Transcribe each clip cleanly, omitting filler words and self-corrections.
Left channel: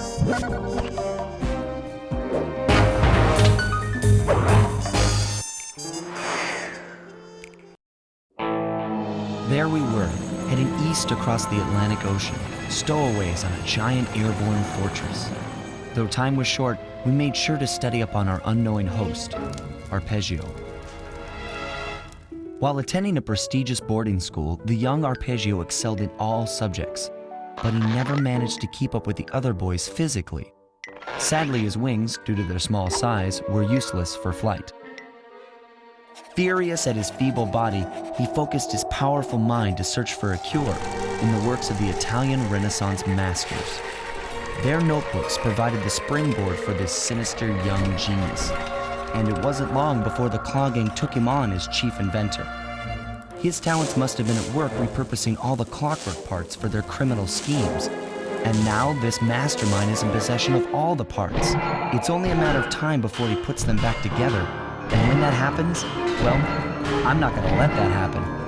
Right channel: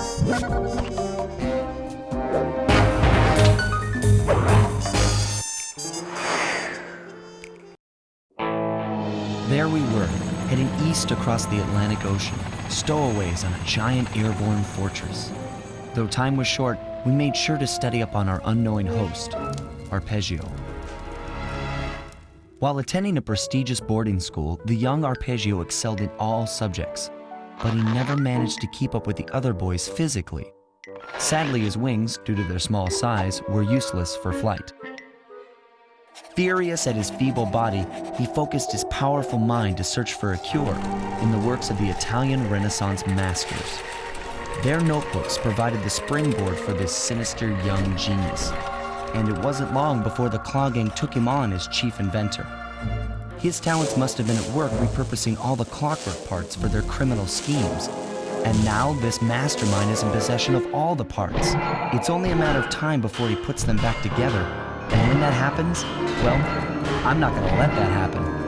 There we were, heading east across the Atlantic Ocean, stowaways on a giant airborne fortress. Though time was short, we made sure to study up on our unknowing host, Arpeggio. While attending a prestigious boarding school, the young Arpeggio excelled in all subjects, but he never managed to keep up with the other boys physically. Sadly, his wings, due to their small size, were useless for flight. Furious at his feeble body, he focused his powerful mind to search for a cure in the works of the Italian Renaissance masters. Their notebooks provided the springboard for this sinister young genius, and it wasn't long before the Claw Gang took him on as chief inventor. His talents must have been at work repurposing all the clockwork parts for their criminal schemes, and now this mastermind is in possession of all the parts. It's only a matter of time before he puts them back together, and when that happens, well, I'm not gonna let that happen.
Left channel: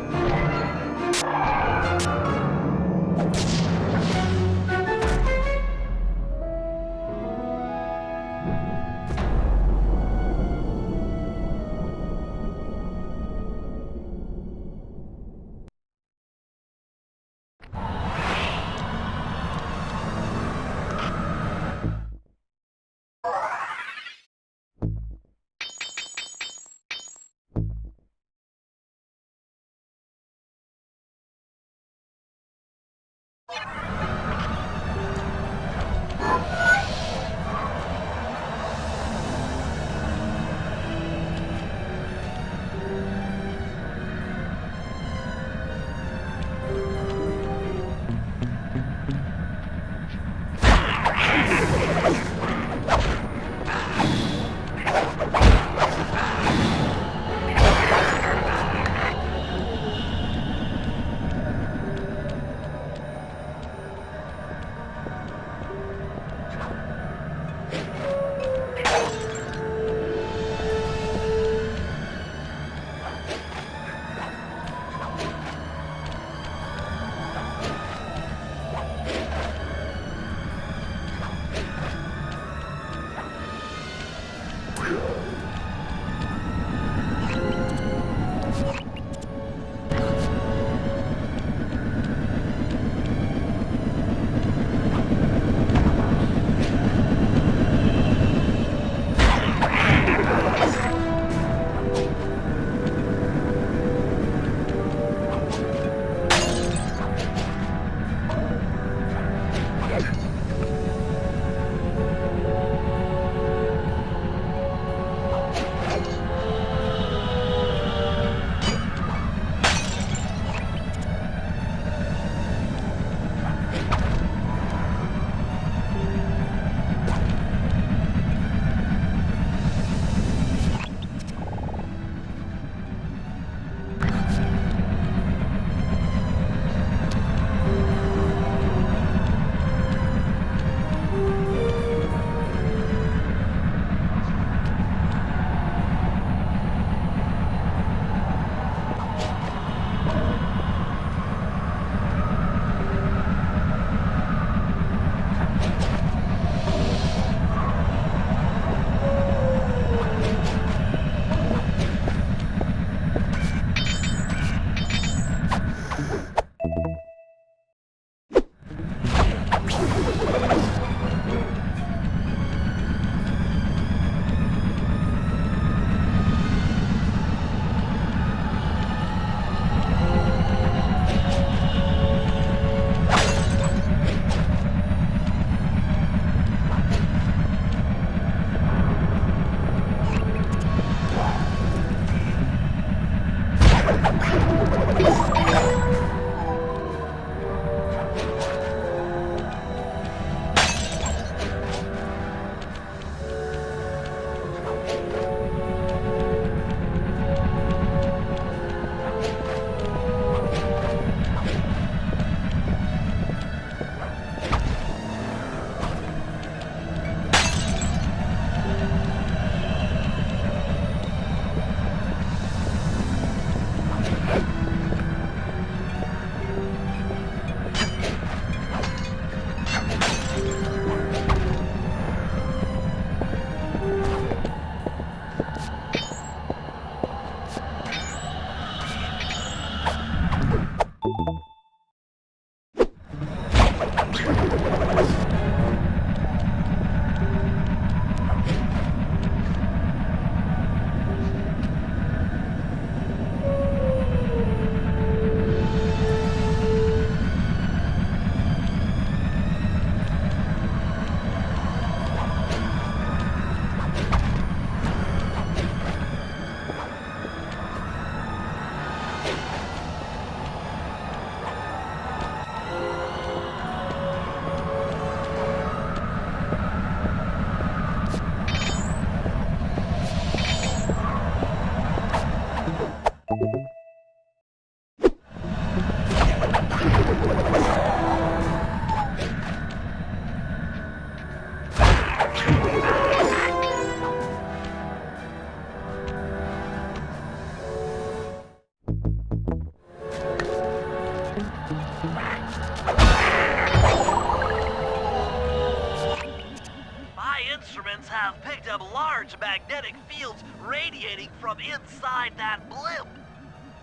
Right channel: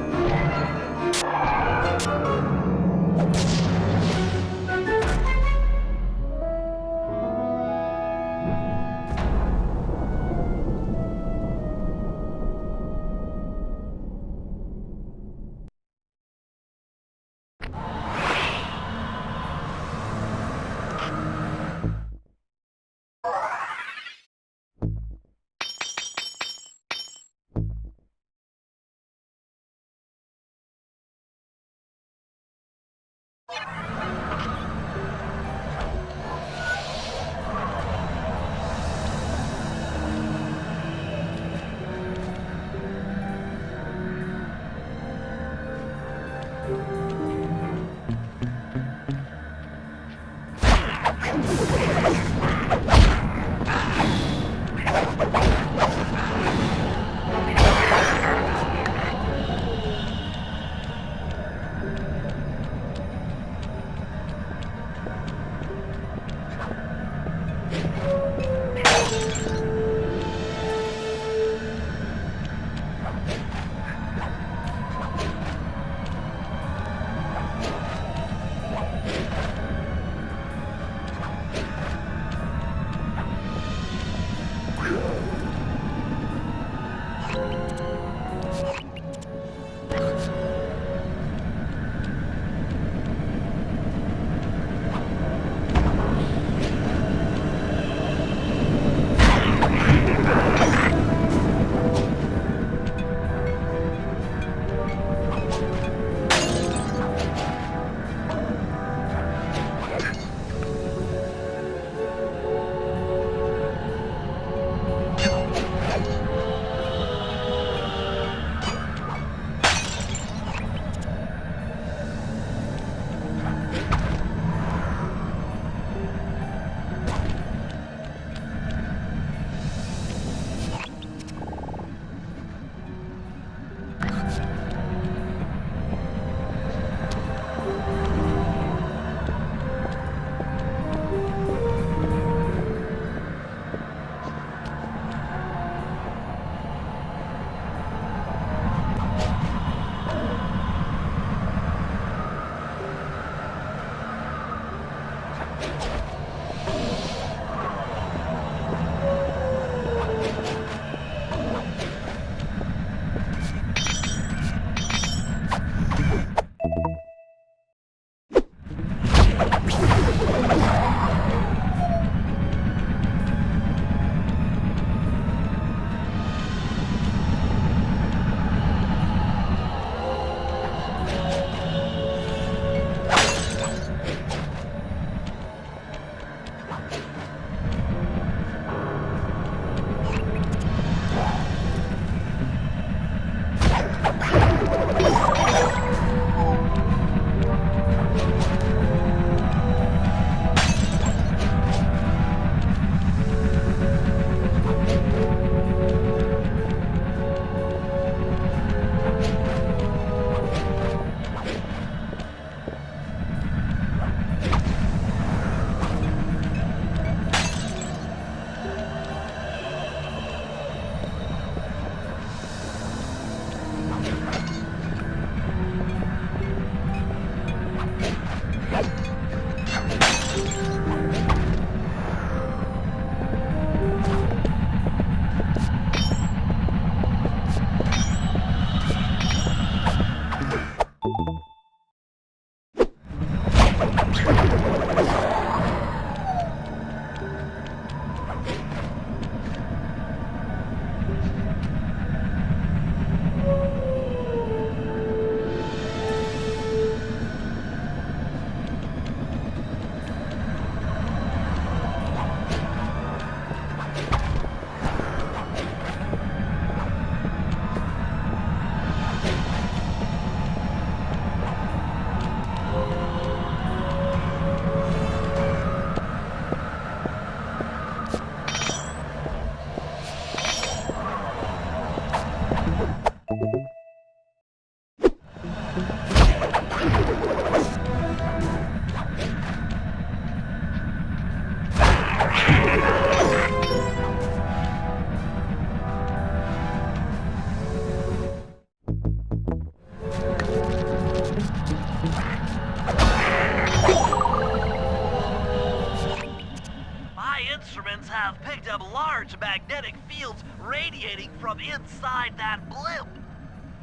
instruments have picked up large magnetic fields radiating from inside that blimp.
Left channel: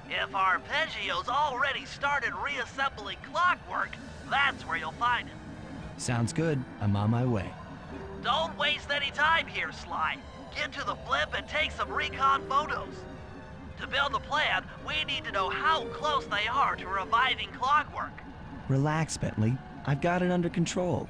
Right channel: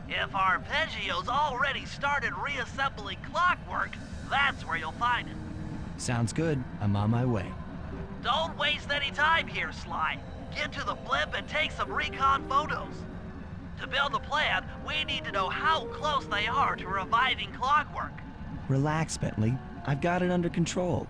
If Arpeggio's already started reassembling Clockwork, that's where you'll find him. Sounds good. I'm on my way. Don't waste any time here, Sly. Get to the blimp and take some recon photos. To build a plan, we need to know how close they are to reviving Clockwork. Relax, Bentley. I've got it under control.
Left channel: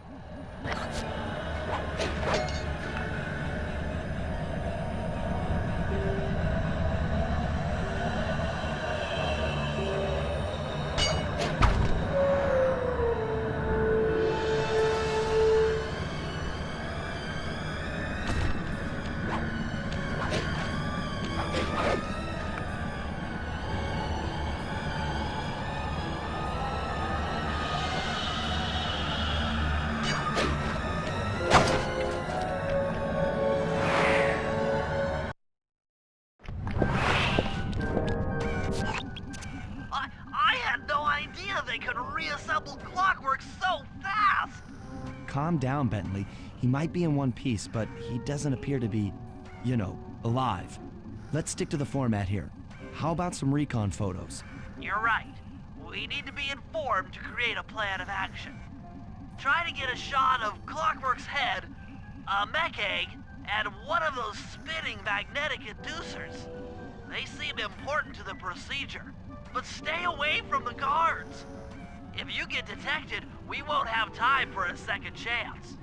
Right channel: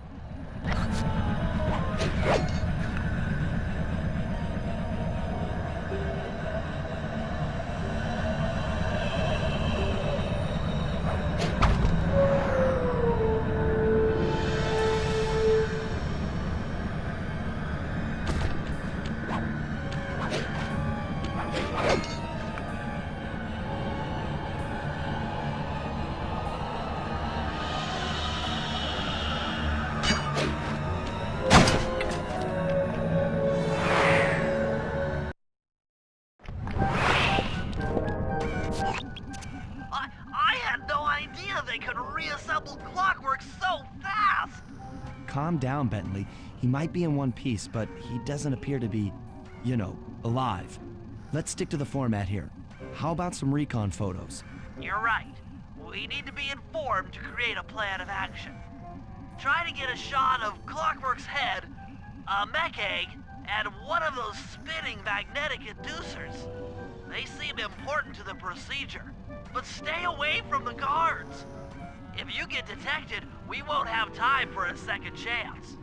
I had no idea they could reassemble Clockwork so fast! Calm down, Bentley. He might be in one piece, but he doesn't appear to be, alive. Let's stick to the format here. How about some recon photos? You're right. We need to be informed to create a plan of action. Try to get a shot of Clockwork's head, a mech egg, and one of those spinning magnetic inducers. They seem important to the procedure, but stay away from the guards. If you get detected, we won't have time for a second chance.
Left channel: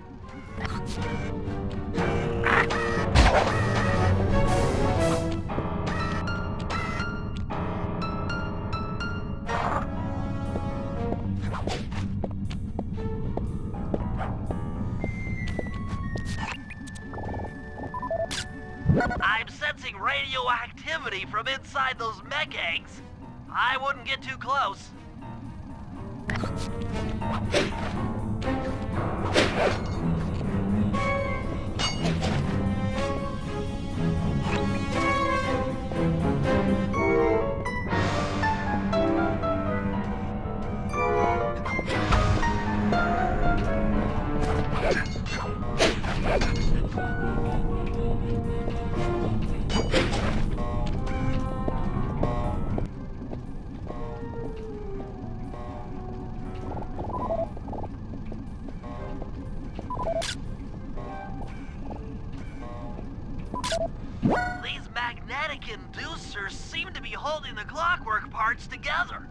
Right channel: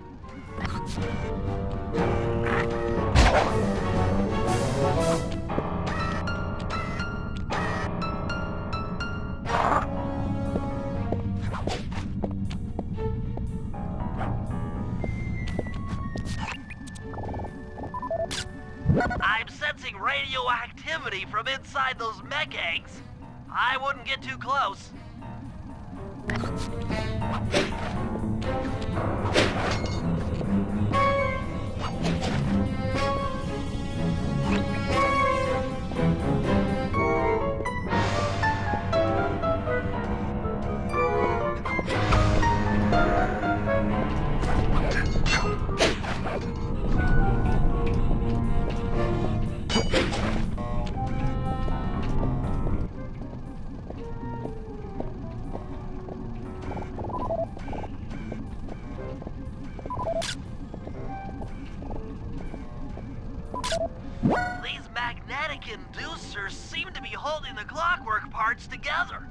I'm sensing radioactivity from inside those mech eggs. I wouldn't get too close. These magnetic inducers seem to be holding the Clockwork parts together.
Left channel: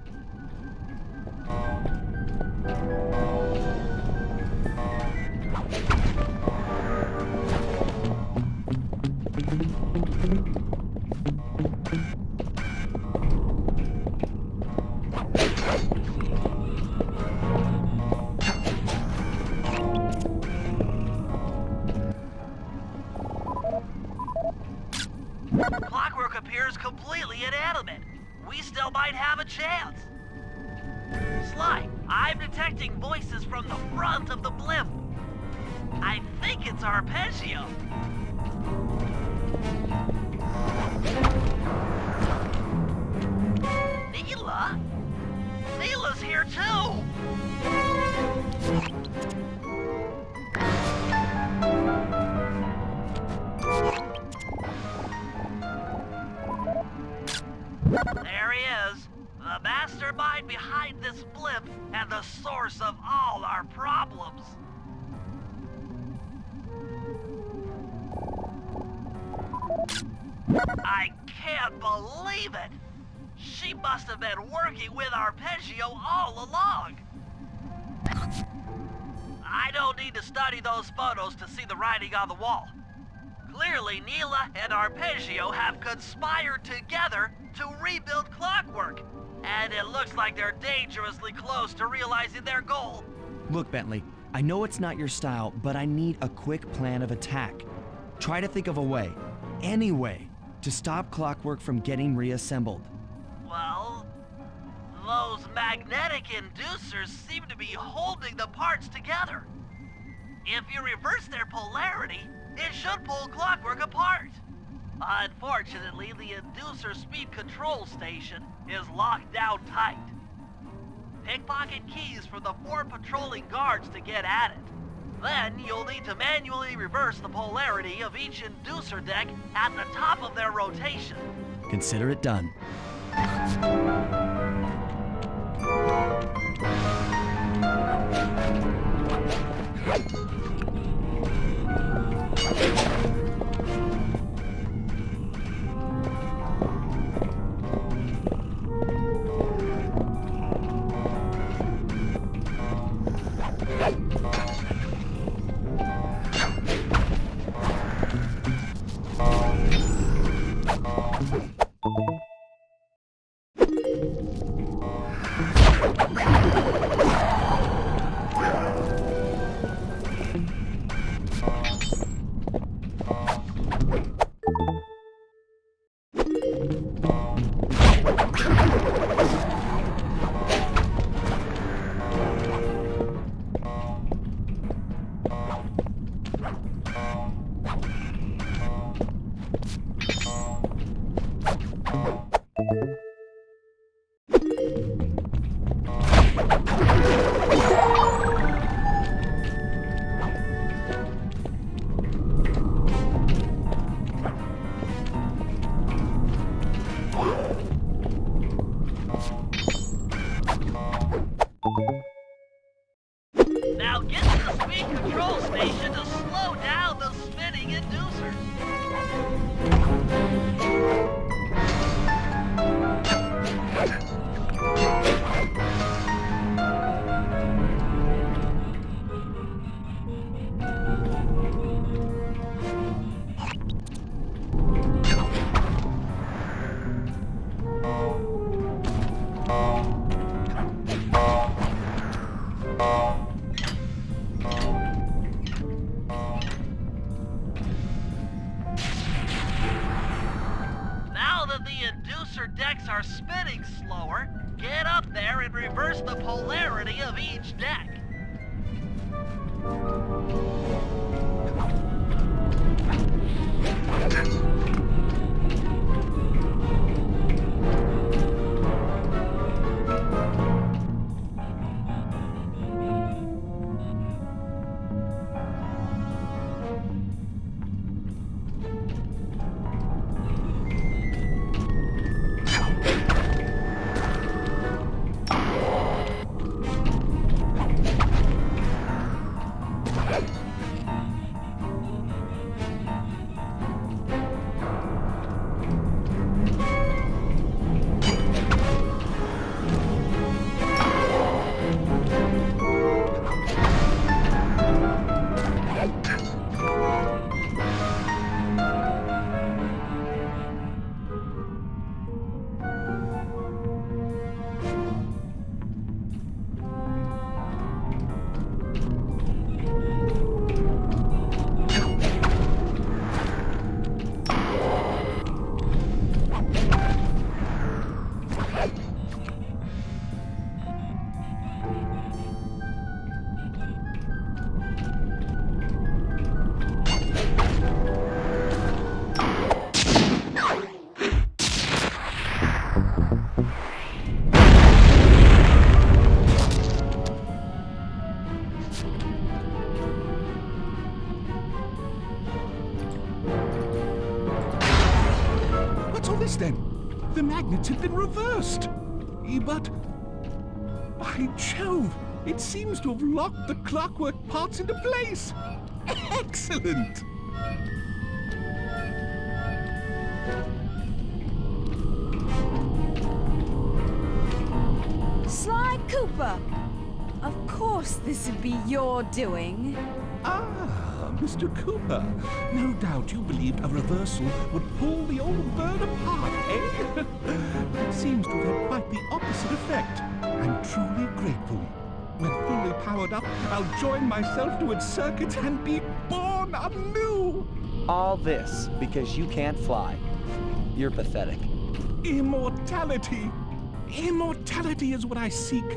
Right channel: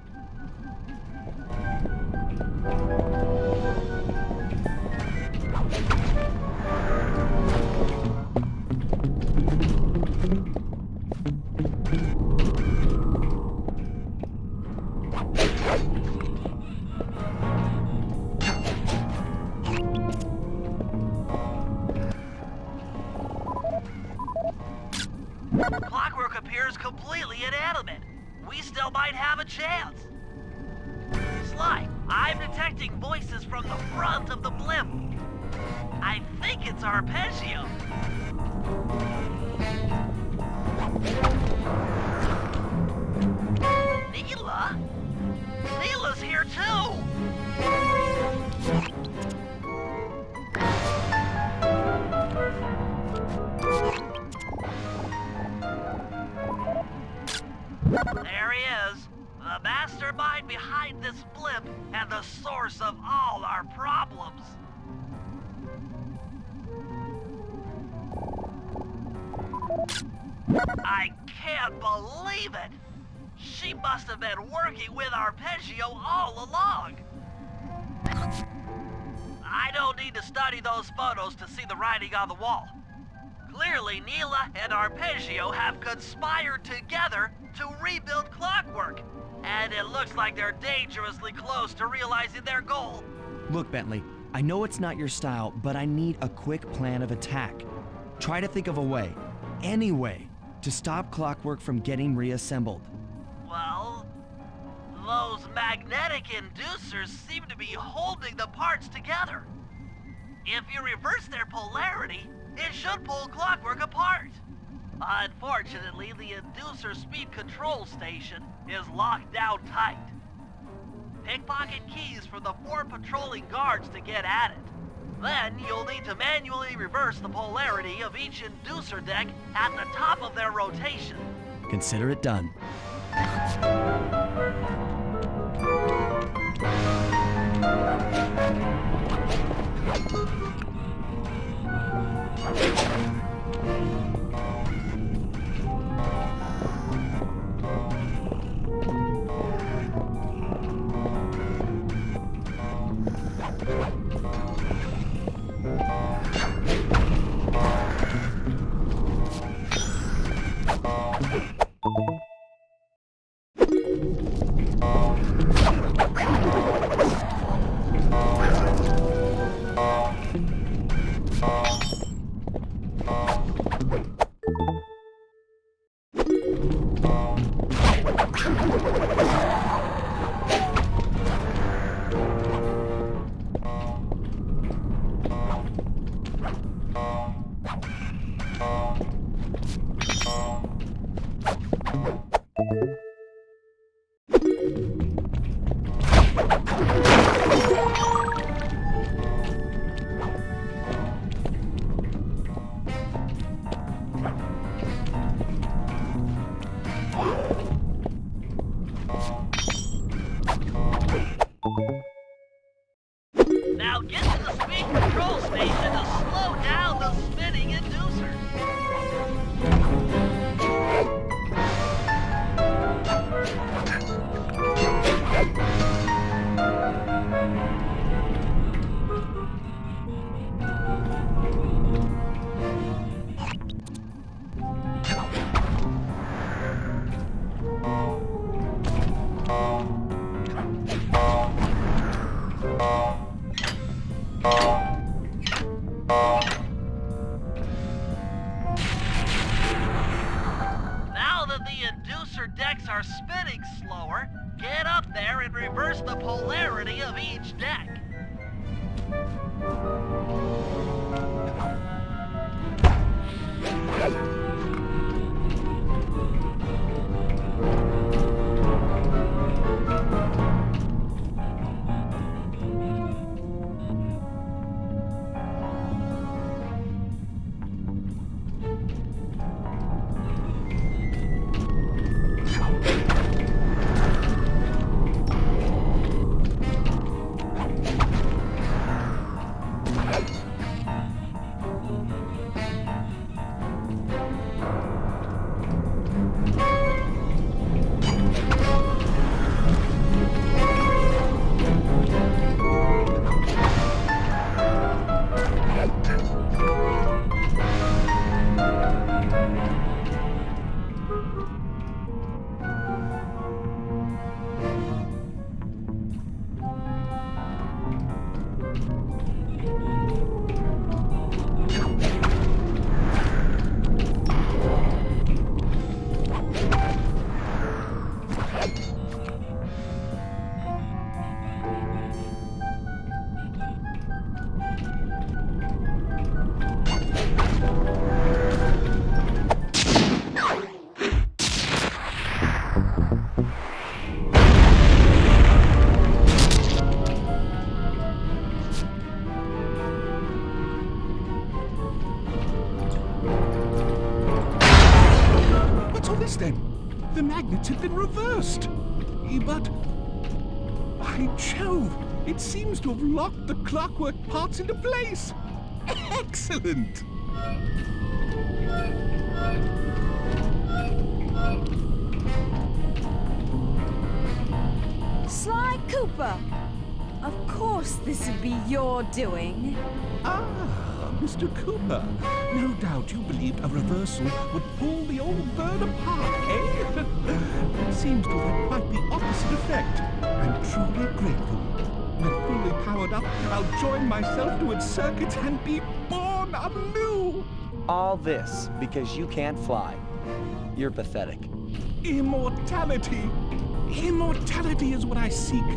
Clockwork appears completely inanimate. We still might have a chance. Sly, I'm detecting voices from the front of the blimp. I think it's Arpeggio. Neela? Neela's here too! There he is, the mastermind behind this blimp and the source of all our problems. I can't believe it! She must have been working with Arpeggio all along. I don't need to study those photos to see the writing on the wall. Clearly, Neela and Arpeggio have conspired together to rebuild Clockwork, and it looks like they're dangerously close to realizing their goal. Look, Bentley, I know it's not your style, but I need a quick plan of attack. Try to think of a way, any way, to stop Clockwork from getting reassembled. Well, those magnetic inducers seem to be holding the parts together. If you reverse their polarity, it should pull Clockwork apart. Unfortunately, the inducer speed control station is locked down tight. Pickpocket keys from the 4 patrolling guards to get at it. Then you'll need to manually reverse the polarity of each inducer deck at the top of their rotation. Consider it done. Now get to the speed control station to slow down the spinning inducers. Now that the inducer decks are spinning slower, get up there and reverse the polarity of each deck. What's all this then? The magnets have been reversed. But, by Jove, it seems to have locked the clockwork parts into place. Excellent! Sly Cooper! Of course this would be your doing. Ah, Mr. Cooper. No doubt you believed a reversal would pull the old bird apart, eh? But it seems to have had quite the opposite effect. I'm truly grateful. When fully powered up, I'll join myself to its circuits and be born anew! All this because you can't fly. You're pathetic. Immortality! Immortality is what I seek.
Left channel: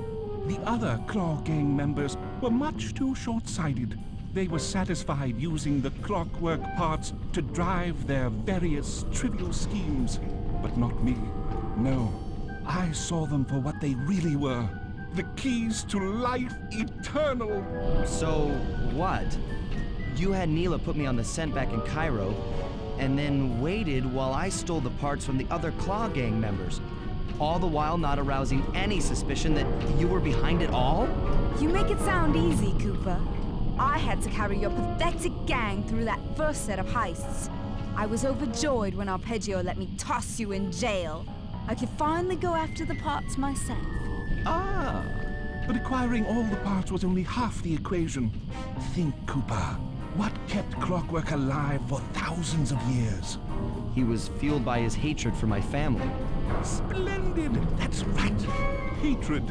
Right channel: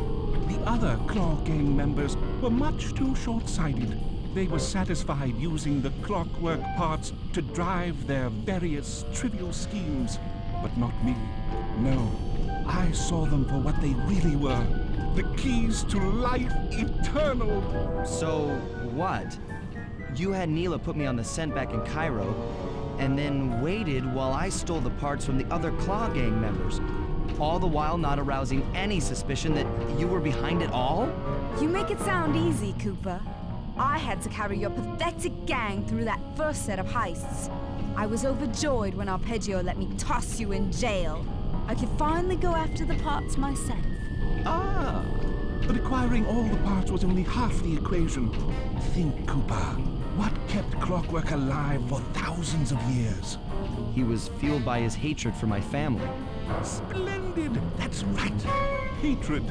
The other Claw Gang members were much too short-sighted. They were satisfied using the clockwork parts to drive their various trivial schemes. But not me. No. I saw them for what they really were. The keys to life eternal. So, what? You had Neela put me on the scent back in Cairo, and then waited while I stole the parts from the other Claw Gang members, all the while not arousing any suspicion that you were behind it all? You make it sound easy, Cooper. I had to carry your pathetic gang through that first set of heists. I was overjoyed when Arpeggio let me toss you in jail. I could finally go after the parts myself. Ah, but acquiring all the parts was only half the equation. Think, Cooper. What kept Clockwork alive for thousands of years? He was fueled by his hatred for my family. Splendid! That's right. Hatred.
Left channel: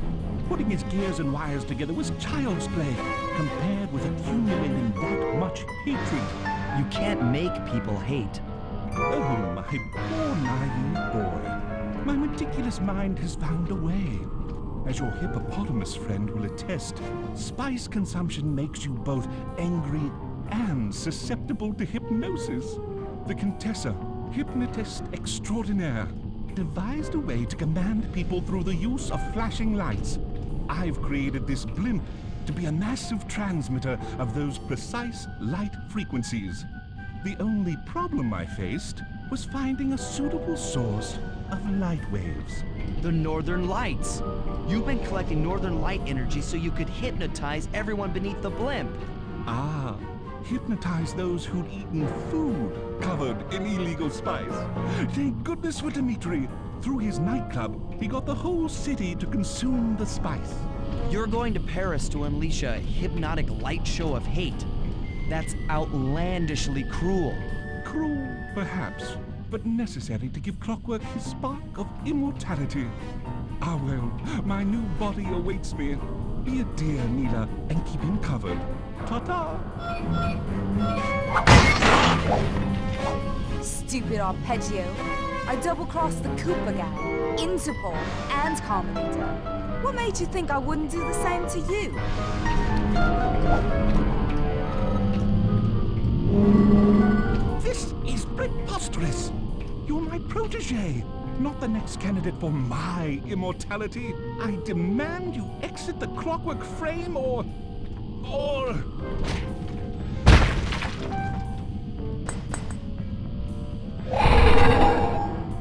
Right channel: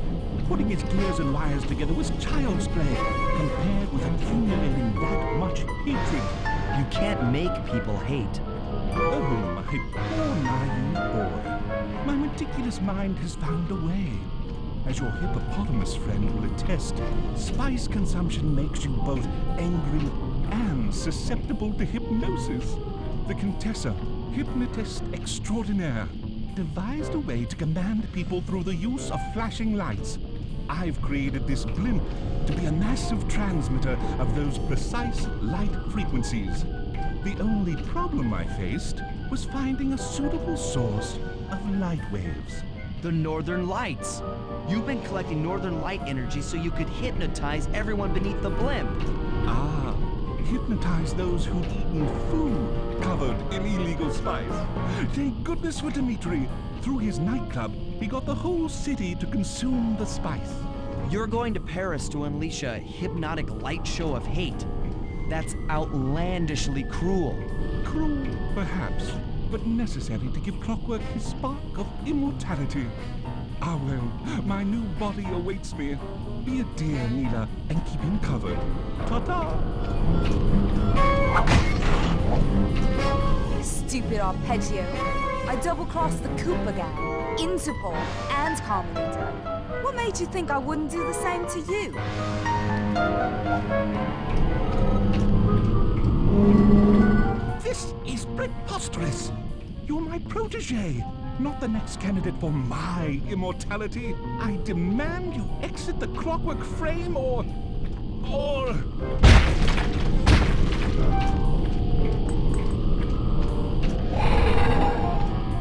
Putting his gears and wires together was child's play, compared with accumulating that much hatred. You can't make people hate. Oh, my poor naive boy. My meticulous mind has found a way. As your hippopotamus friend will attest, spice consumption makes you both angry and susceptible to hypnosis. The Contessa, hypnotist extraordinaire, devised a way to command people through the use of flashing lights. I've created this blimp to be a massive transmitter of those precise light frequencies. The only problem I faced was finding a suitable source of light waves. The Northern Lights. You've been collecting Northern Light energy so you could hypnotize everyone beneath the blimp. Ah, hypnotize those who'd eaten food covered in illegal spice. Thank goodness for Dmitri. Through his nightclub, he got the whole city to consume the spice. You're going to Paris to unleash a hypnotic light show of hate. That's outlandishly cruel. Cruel, perhaps, but necessary to give Clockwork his spark of immortality. Ah well, my new body awaits me. Be a dear, Neela, and keep him covered. Ta-ta! Stupid Arpeggio. I double-crossed the Cooper gang, Interpol, and Carmelita. What made you think I wouldn't do the same to you? This is preposterous! You're my protege, not the next candidate for my immortality. I demand you exit the Clockwork frame or...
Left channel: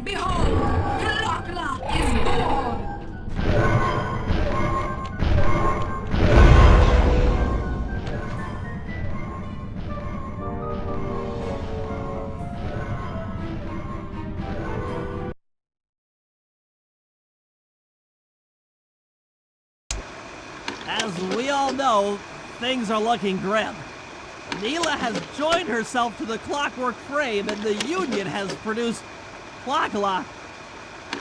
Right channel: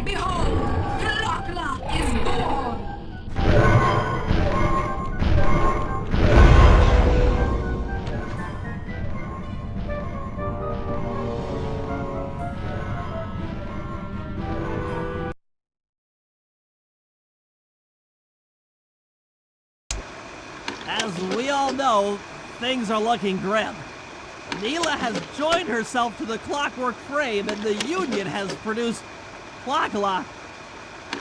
Behold, Clockla is born! As we all know, things are looking grim. Neela has joined herself to the Clockwork frame and the Union has produced Clockla.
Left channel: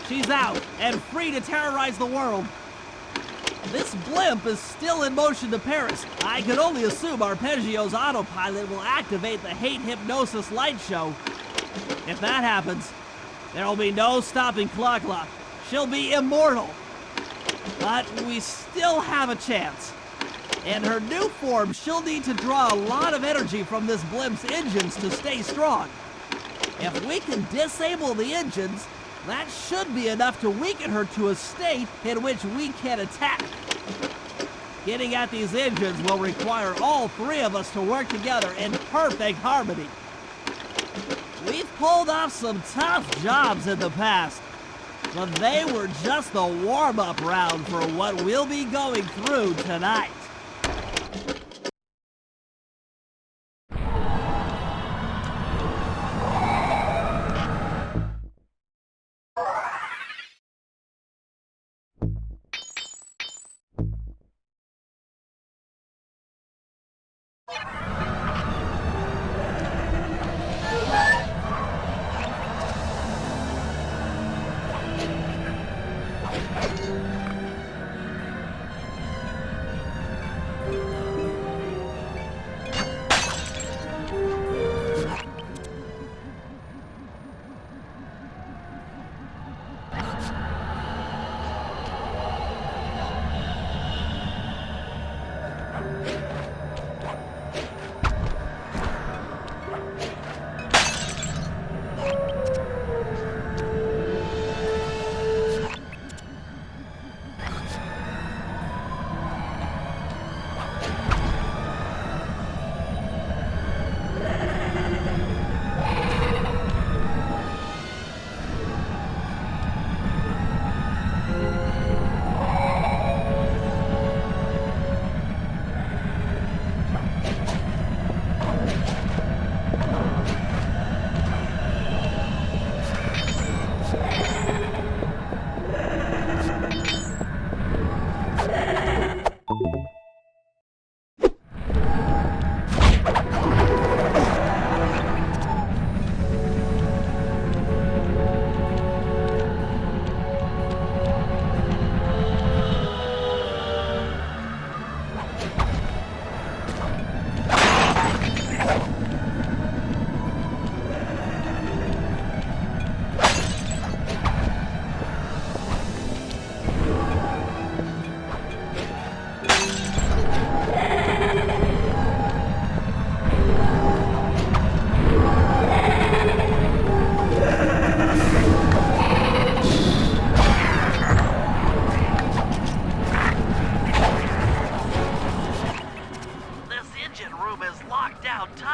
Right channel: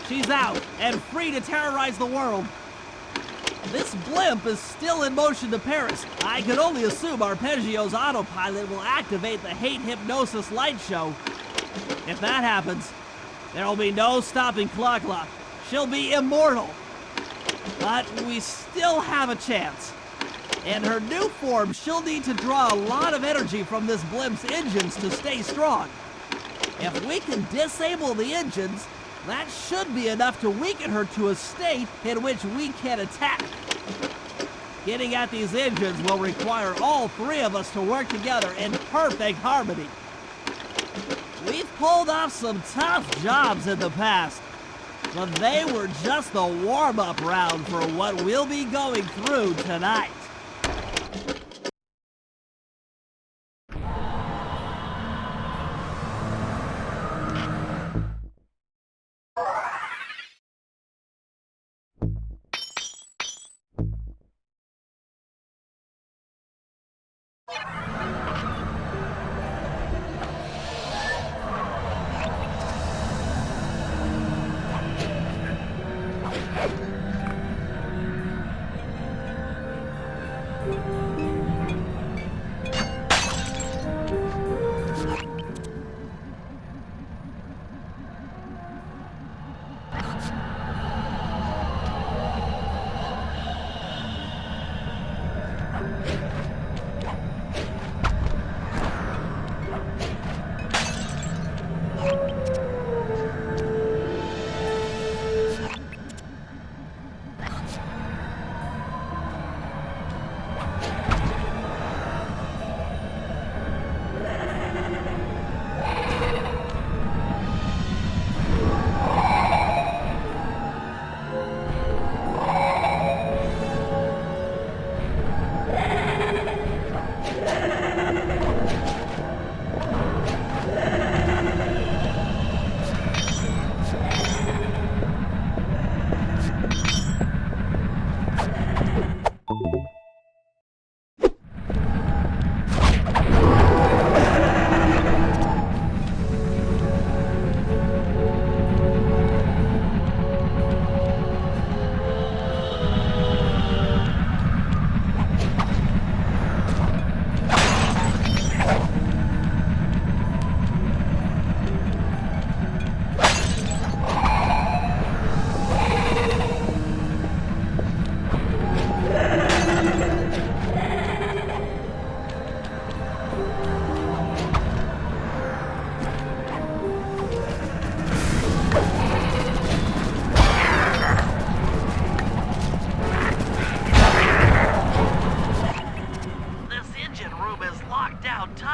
She's out and free to terrorize the world. This blimp is still in motion to Paris. I can only assume Arpeggio's autopilot will activate the hate hypnosis light show. If that happens, there will be no stopping Clockla. She'll be immortal. But we still have a chance. In her new form, she'll need to draw a lot of energy from this blimp's engines to stay strong. If we can disable the engines, that should be enough to weaken her to a state in which we can attack. Getting at these engines will require all three of us to work together in perfect harmony. We've pulled off some tough jobs in the past, but they were just the warm-up round for what we'll be going through tonight.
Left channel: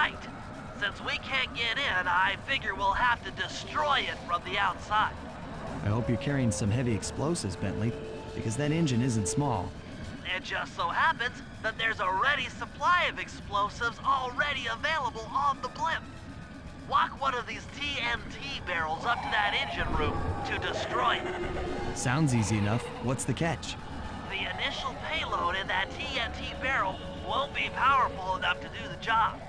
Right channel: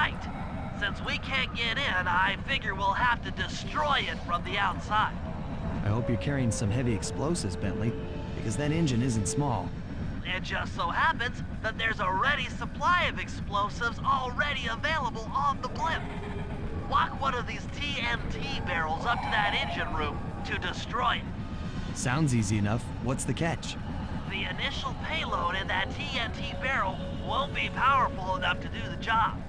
right. Since we can't get in, I figure we'll have to destroy it from the outside. I hope you're carrying some heavy explosives, Bentley, because that engine isn't small. It just so happens that there's a ready supply of explosives already available on the blimp. Walk one of these TNT barrels up to that engine room to destroy it. Sounds easy enough. What's the catch? The initial payload in that TNT barrel won't be powerful enough to do the job.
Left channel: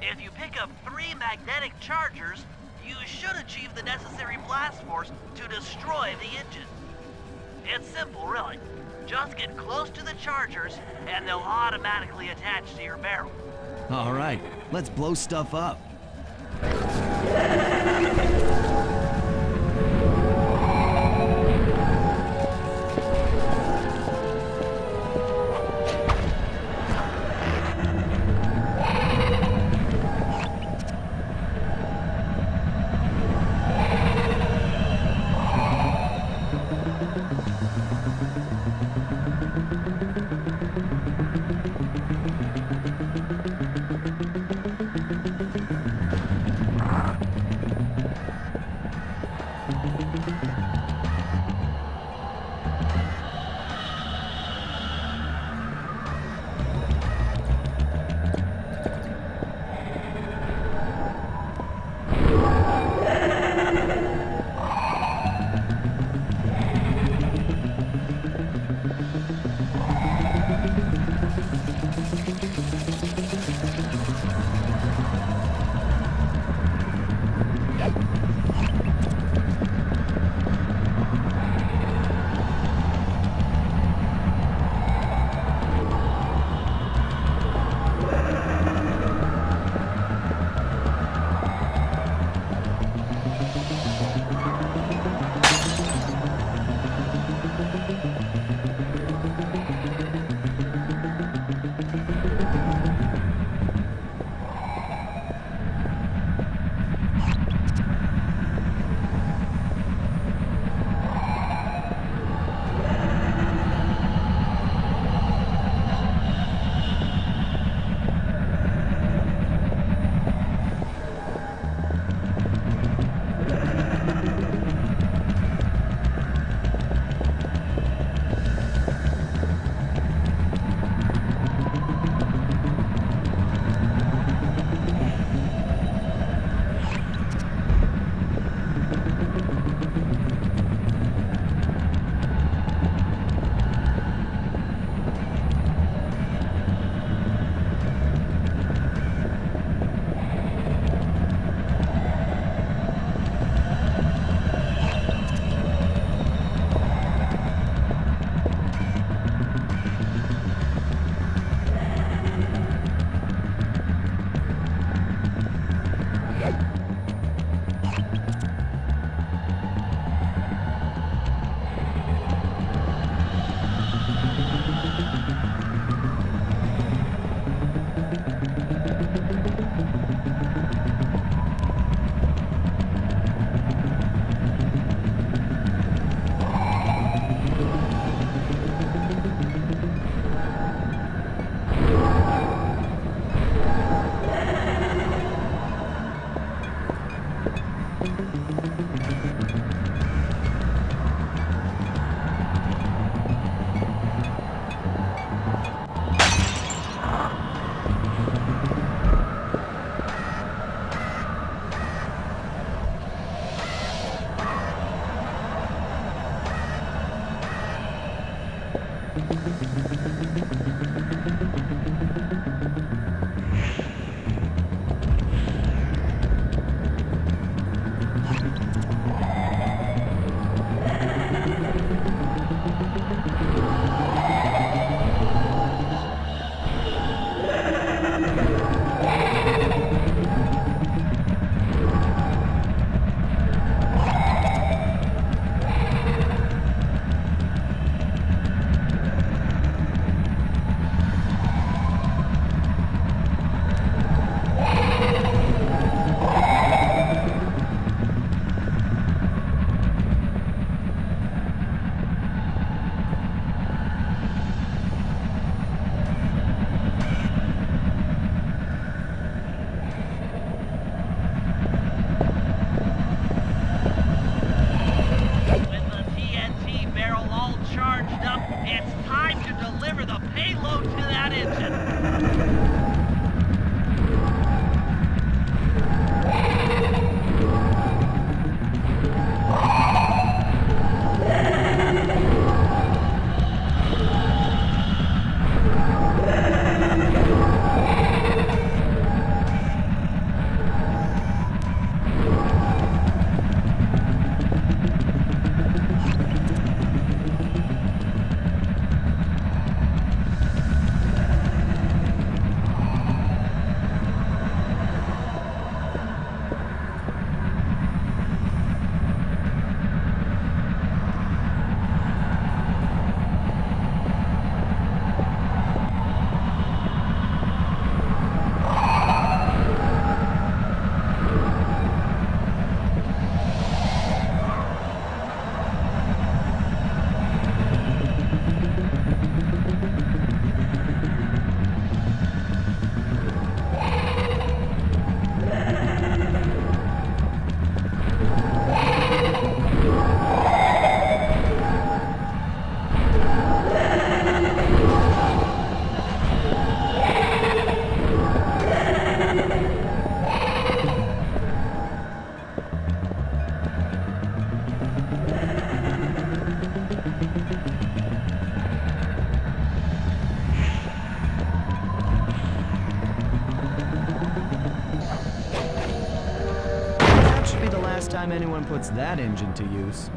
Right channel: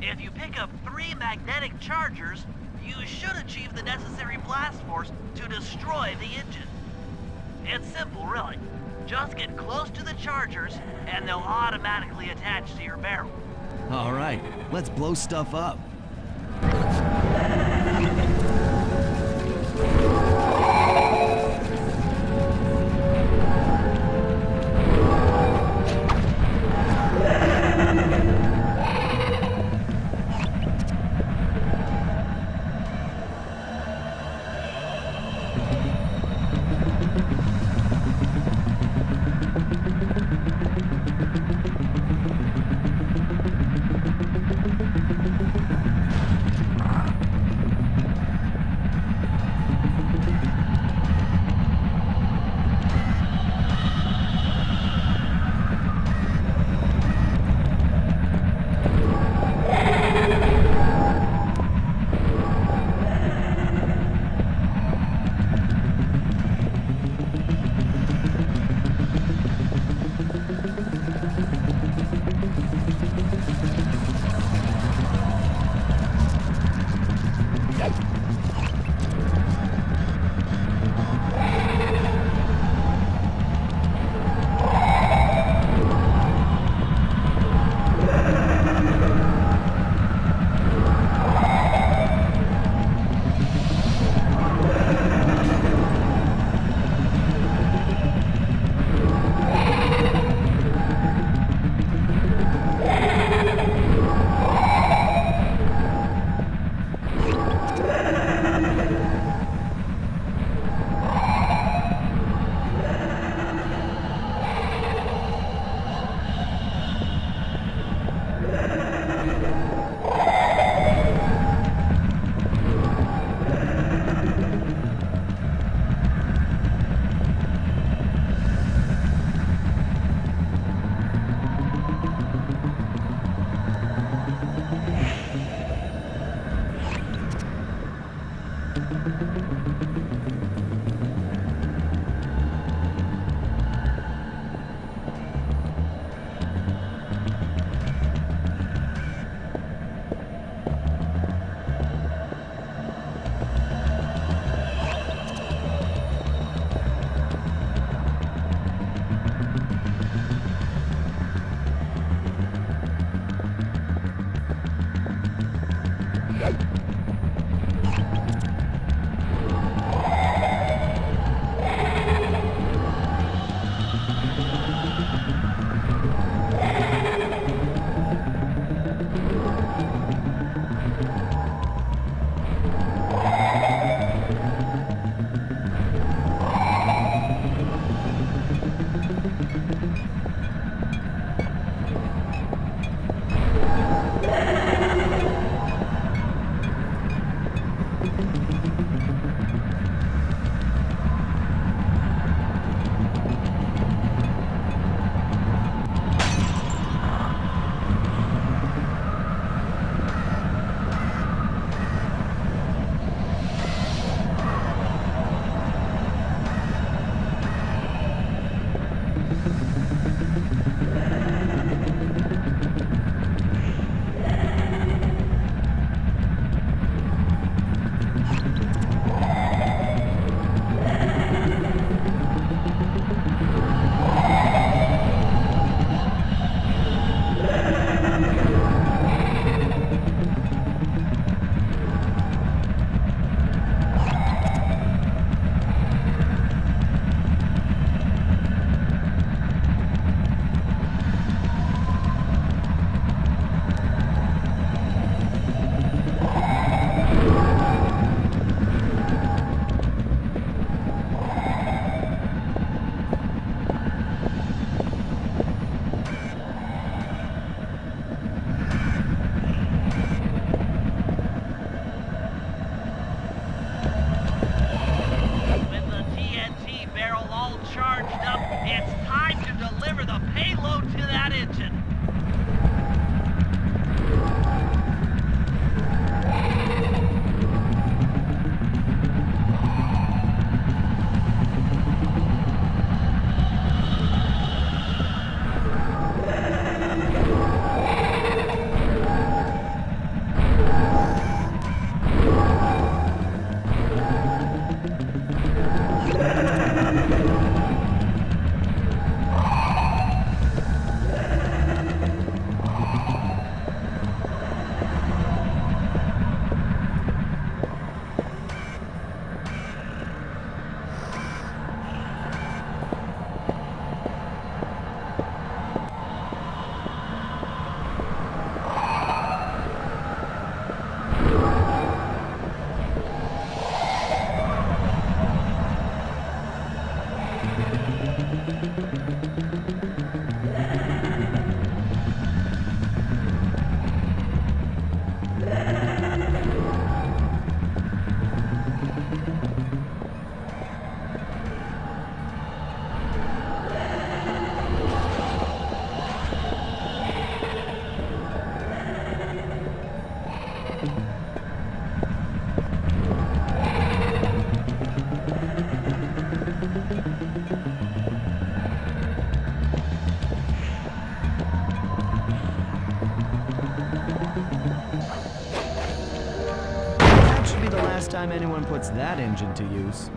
If you pick up 3 magnetic chargers, you should achieve the necessary blast force to destroy the engine. It's simple, really. Just get close to the chargers, and they'll automatically attach to your barrel. All right, let's blow stuff up. the payload to that engine. That should be the last time anyone puts that engine to use.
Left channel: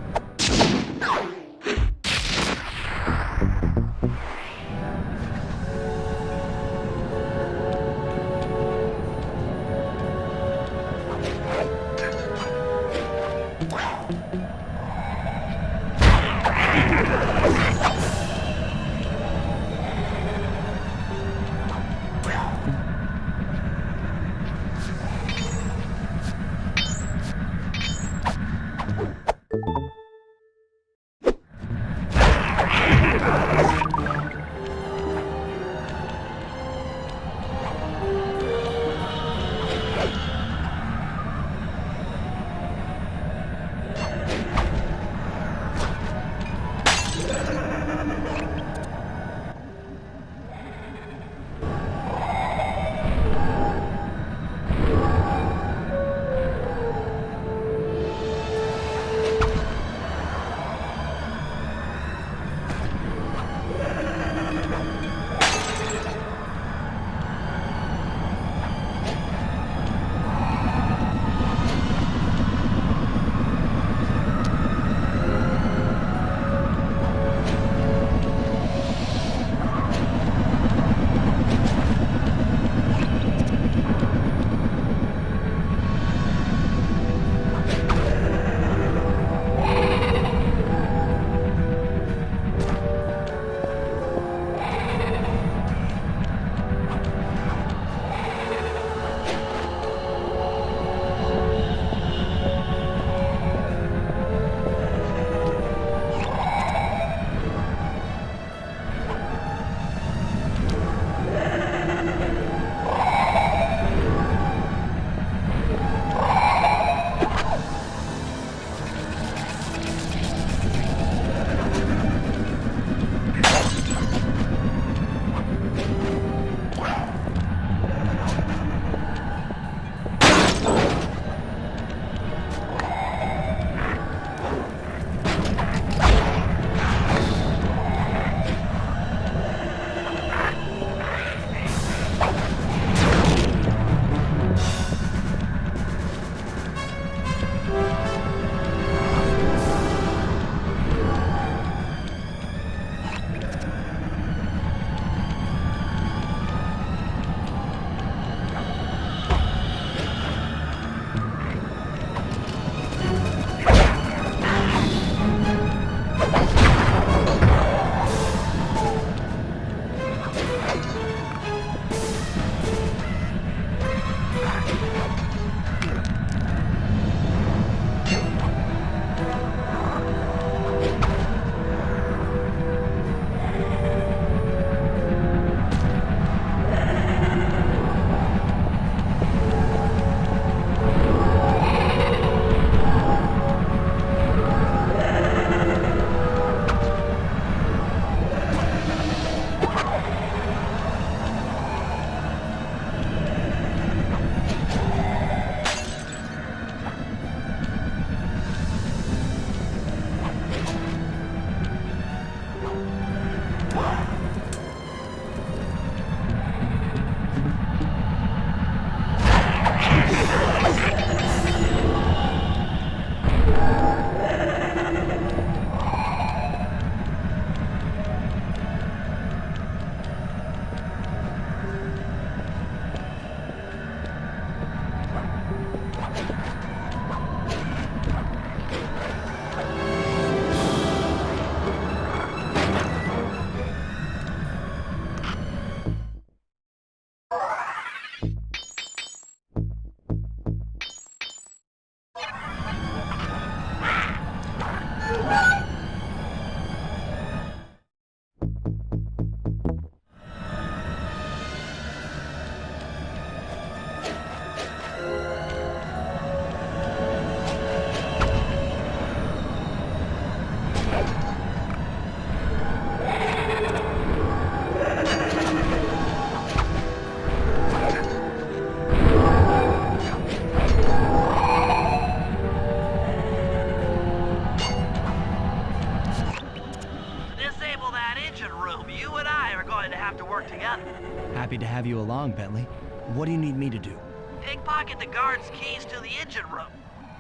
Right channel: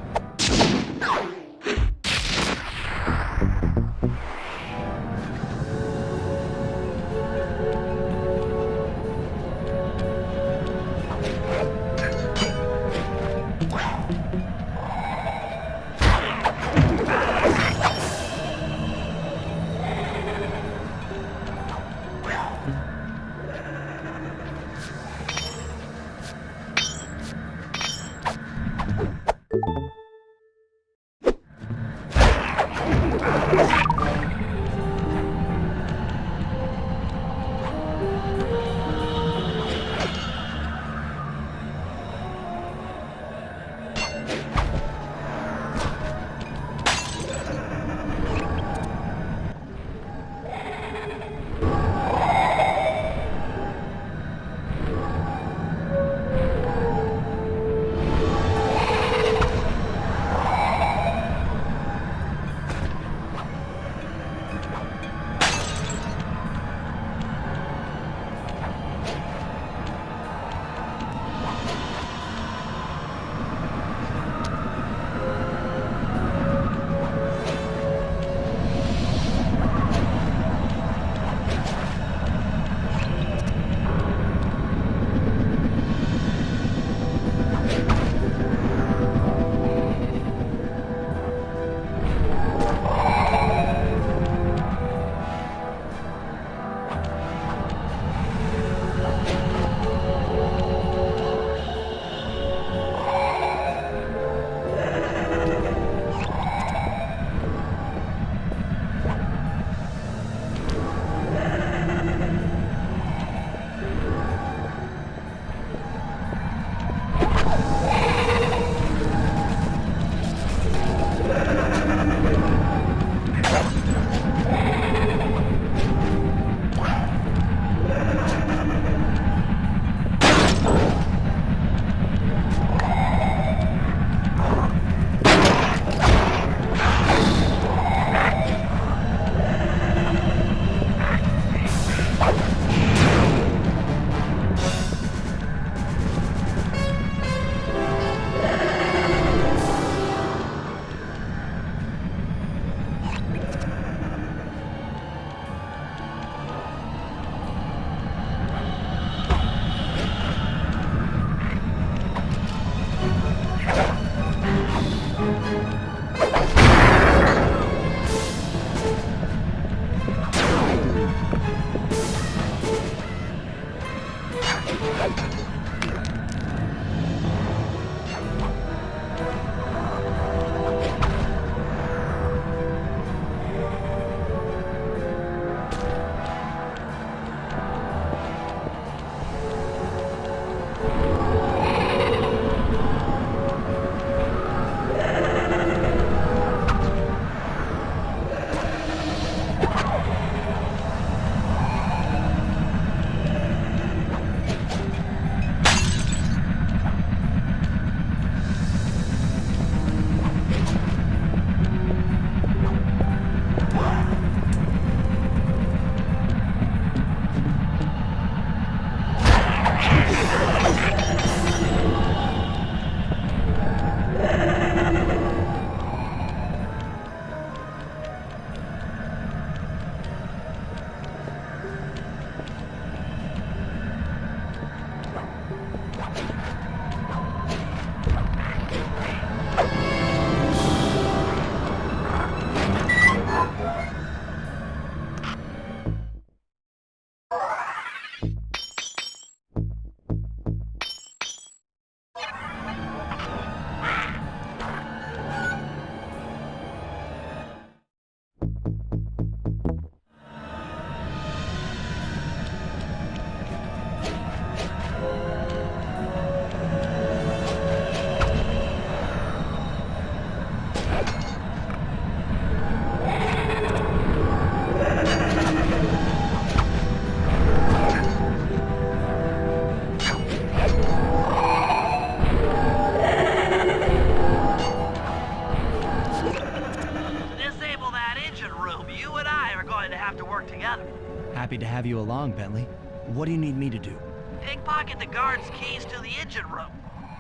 work together. Happy to have you along, Bentley. What do you need me to do? Pickpocket the guard's keys to the engine room.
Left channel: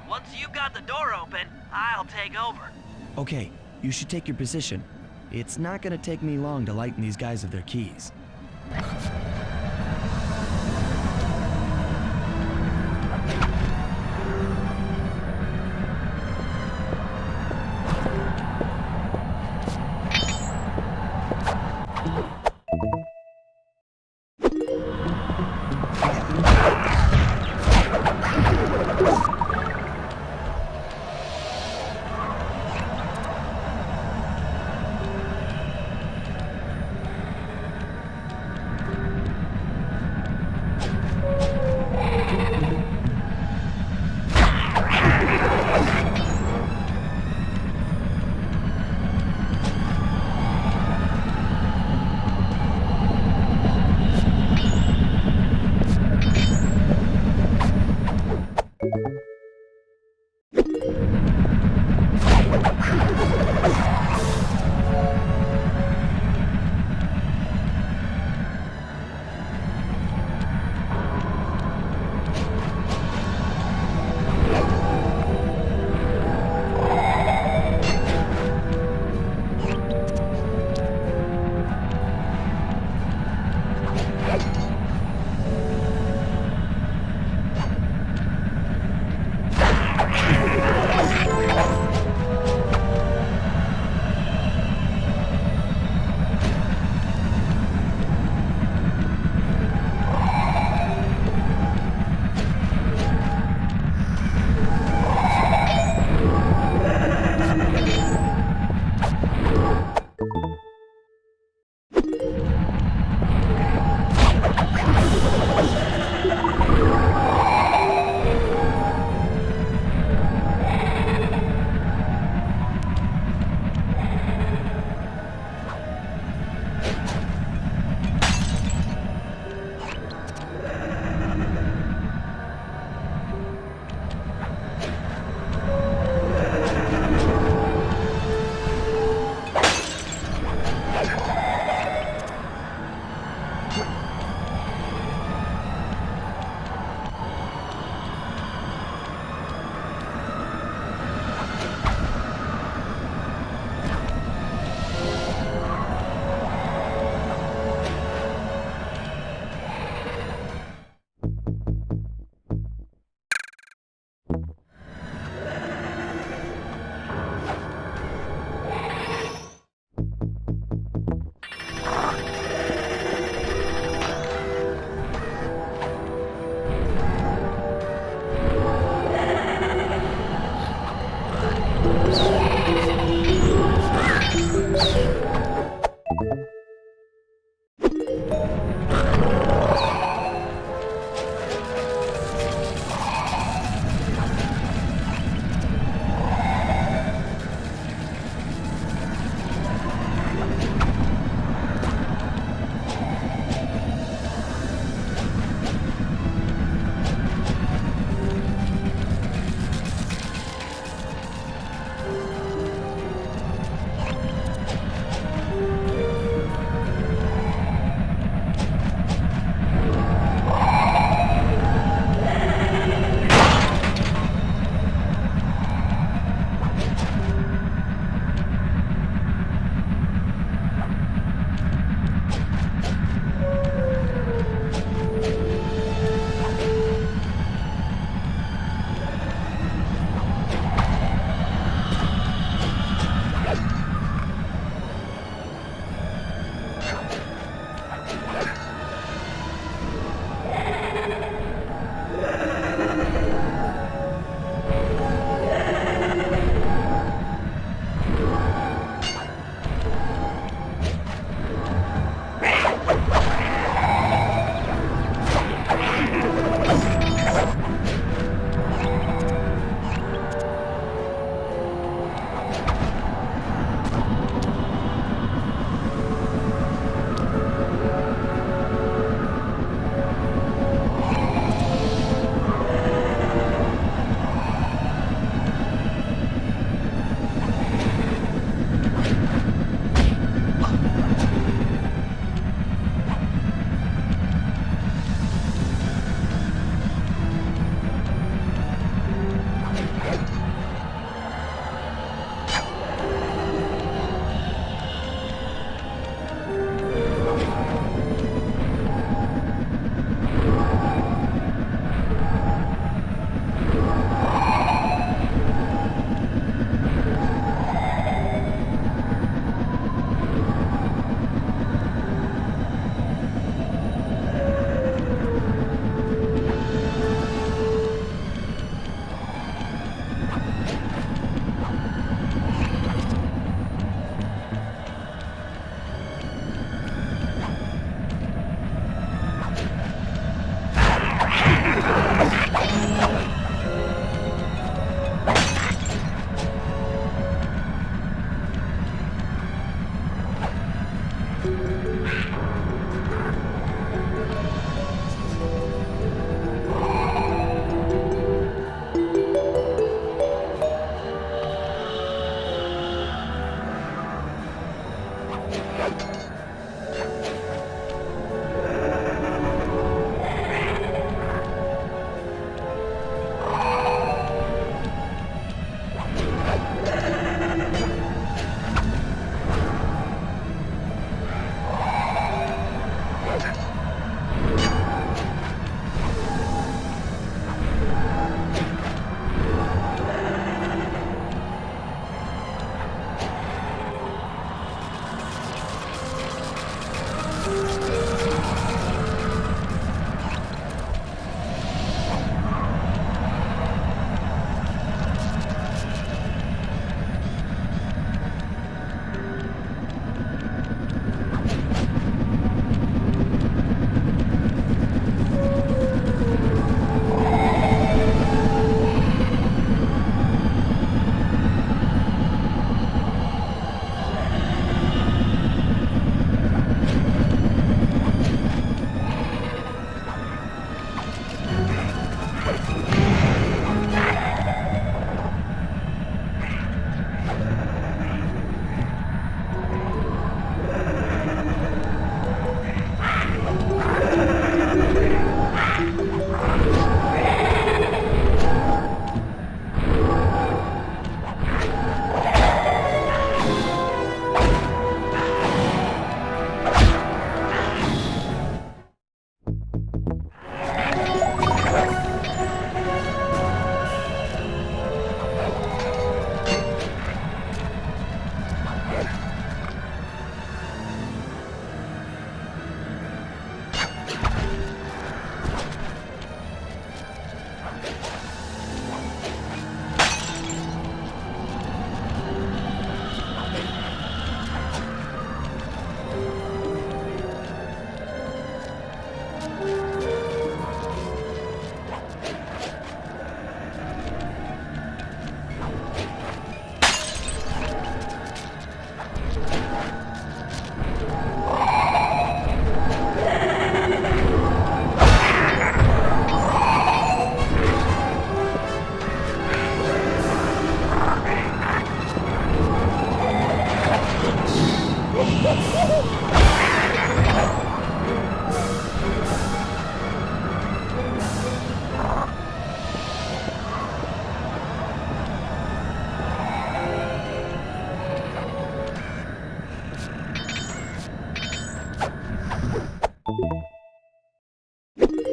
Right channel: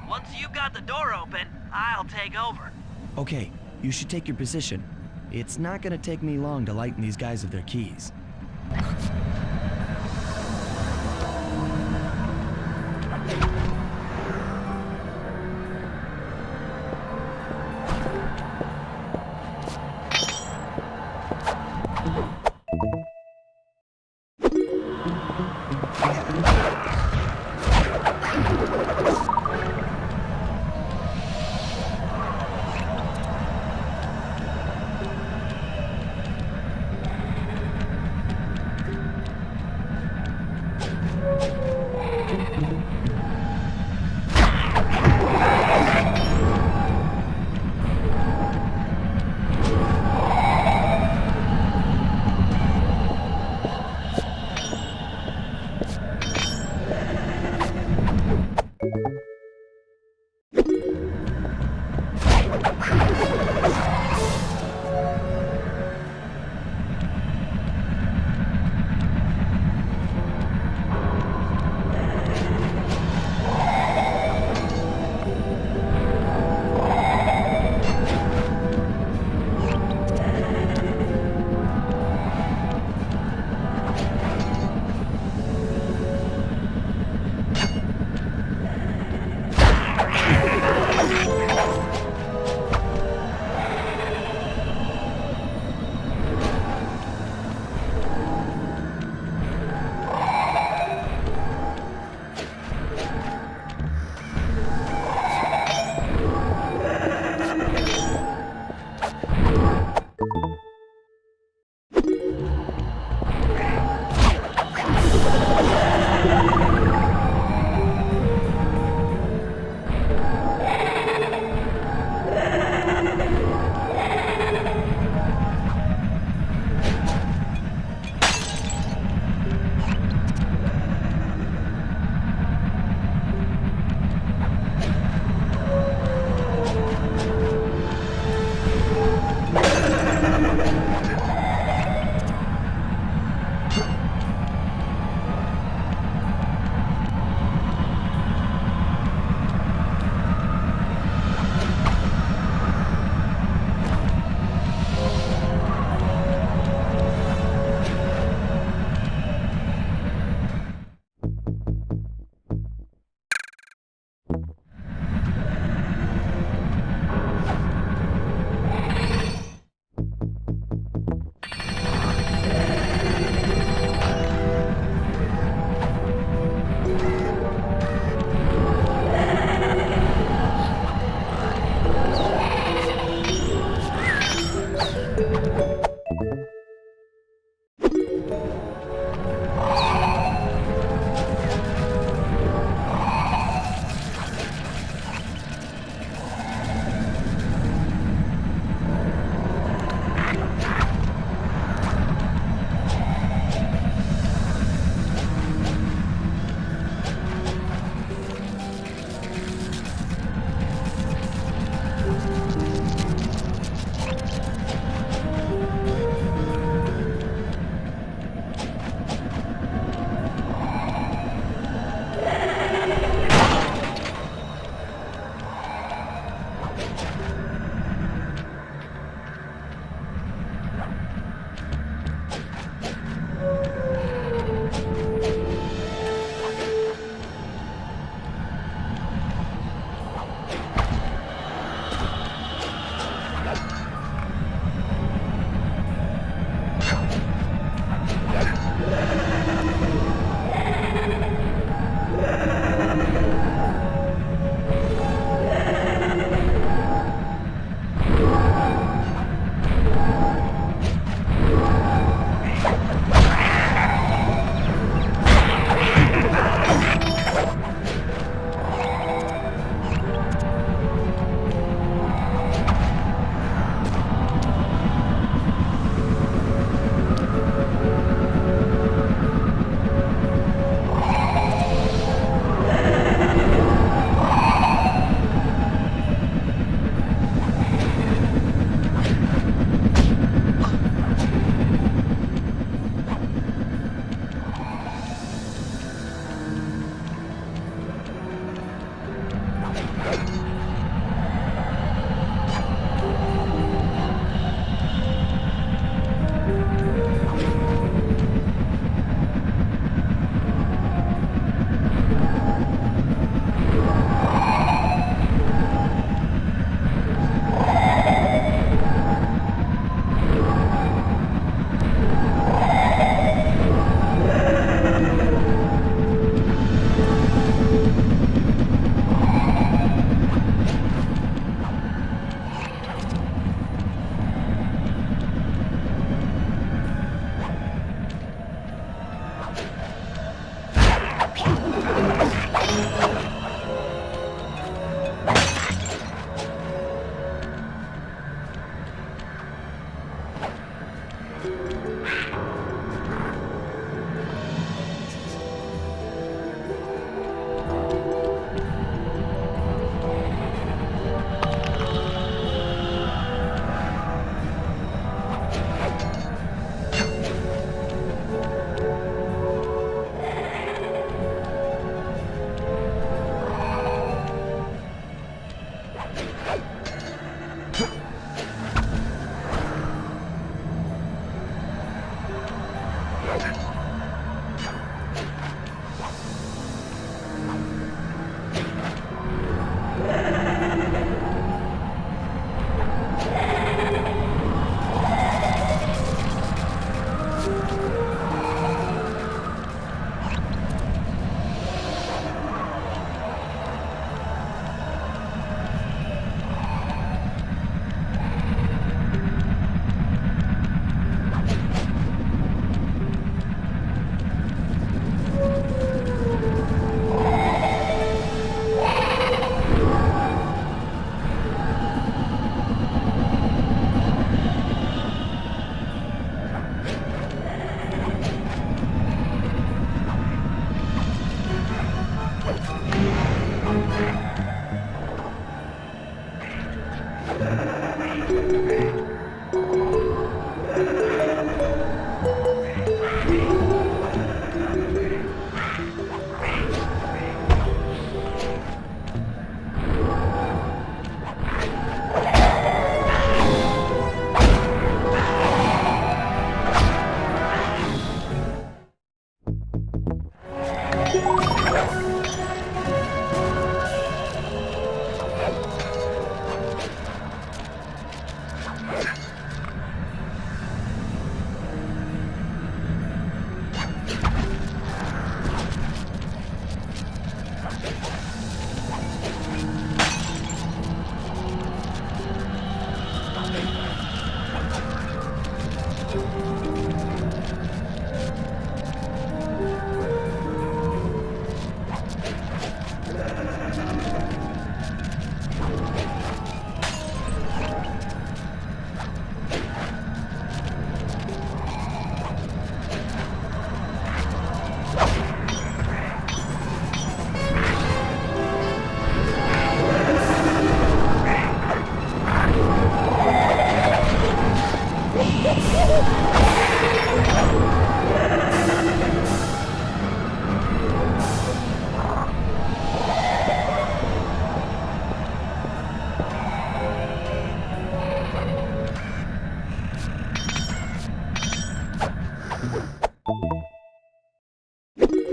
Once you've got the door open, I'll take over. Okay, you should take your position. It's not gonna take me long to lighten these guys of their keys.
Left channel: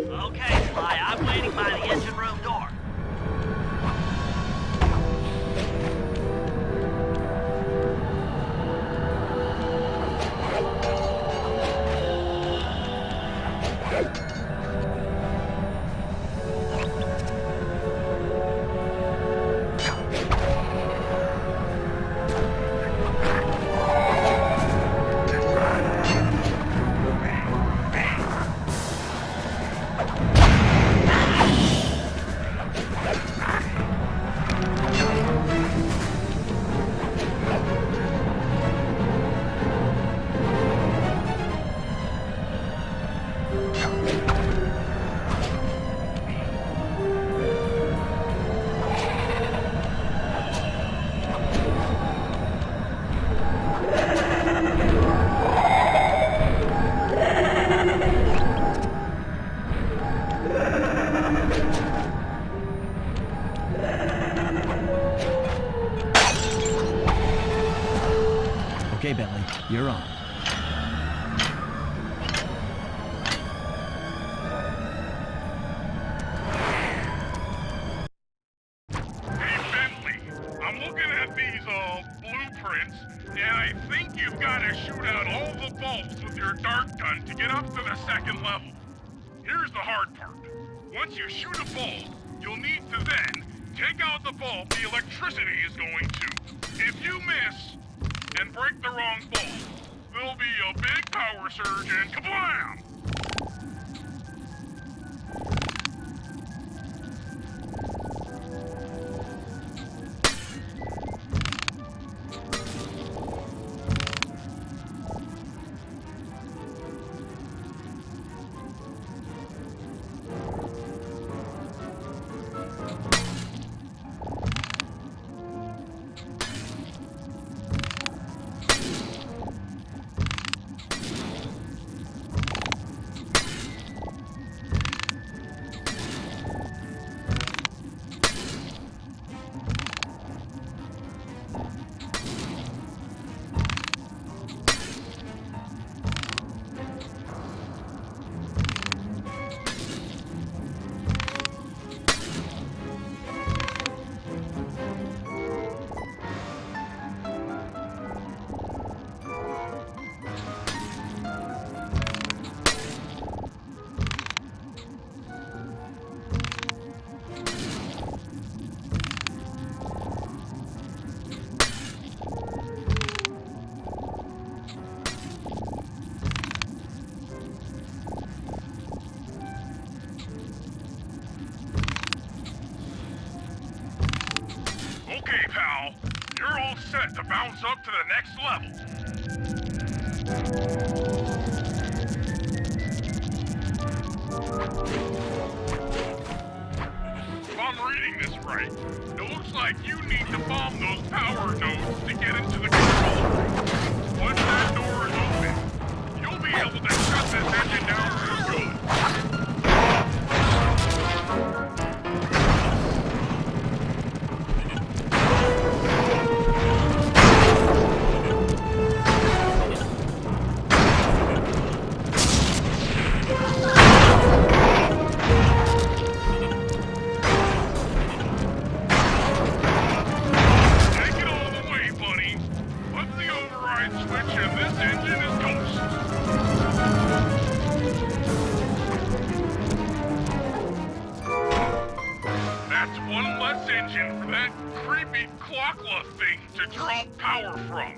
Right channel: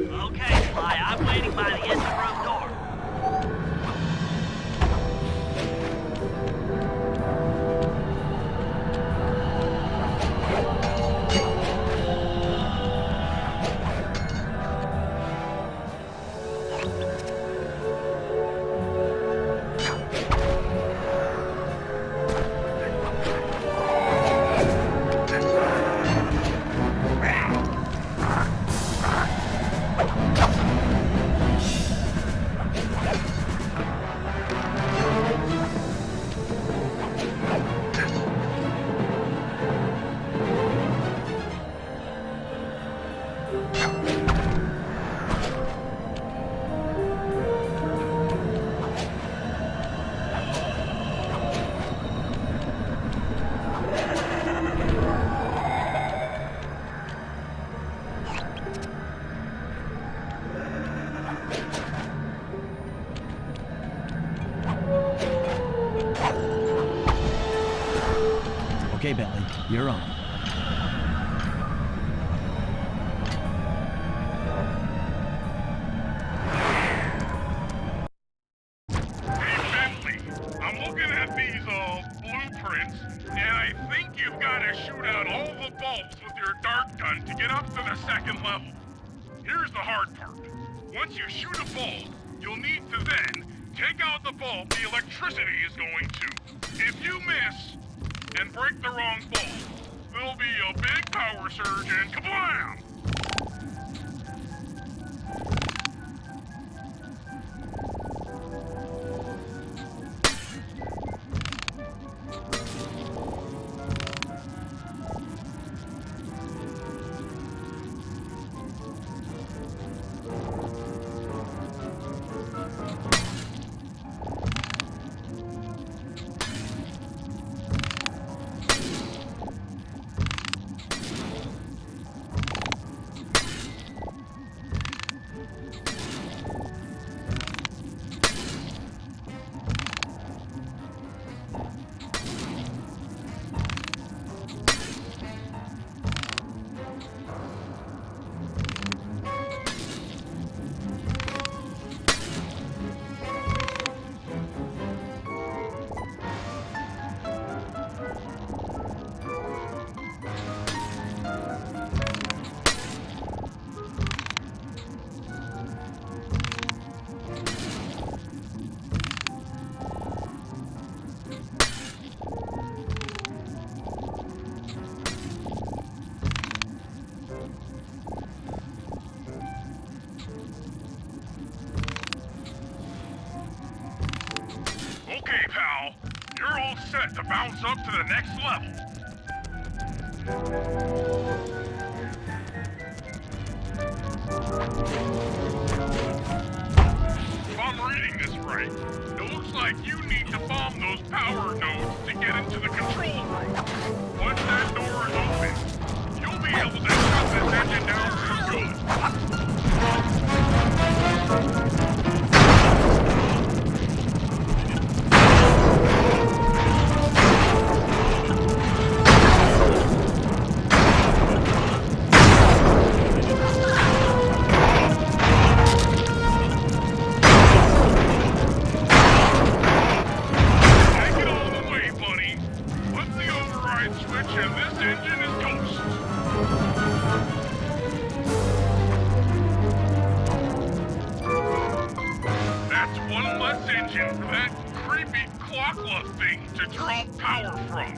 Okay, Sly, I'm waiting by the engine room door. Okay, Bentley, you're on. I'm looking at these blueprints, and I think you've got to shoot out all the bulbs with your dart gun to get up to the second level. Here's the hard part. Once you shoot a bulb, you'll need to then take out the bulb the electricity is going to. If you miss and break the wrong bulb, there'll be a big power surge and kablam! Okay, pal. You're all set to bounce up to the next level. I'm reading this right, it looks like you need to bomb those power nodes to get into the control room. Once that door is open, you'll be able to shut this engine down for good. Take it all the way, buddy. Flip the override switch and this engine is toast. That's one less engine for that creepy Clockla thing to draw power from.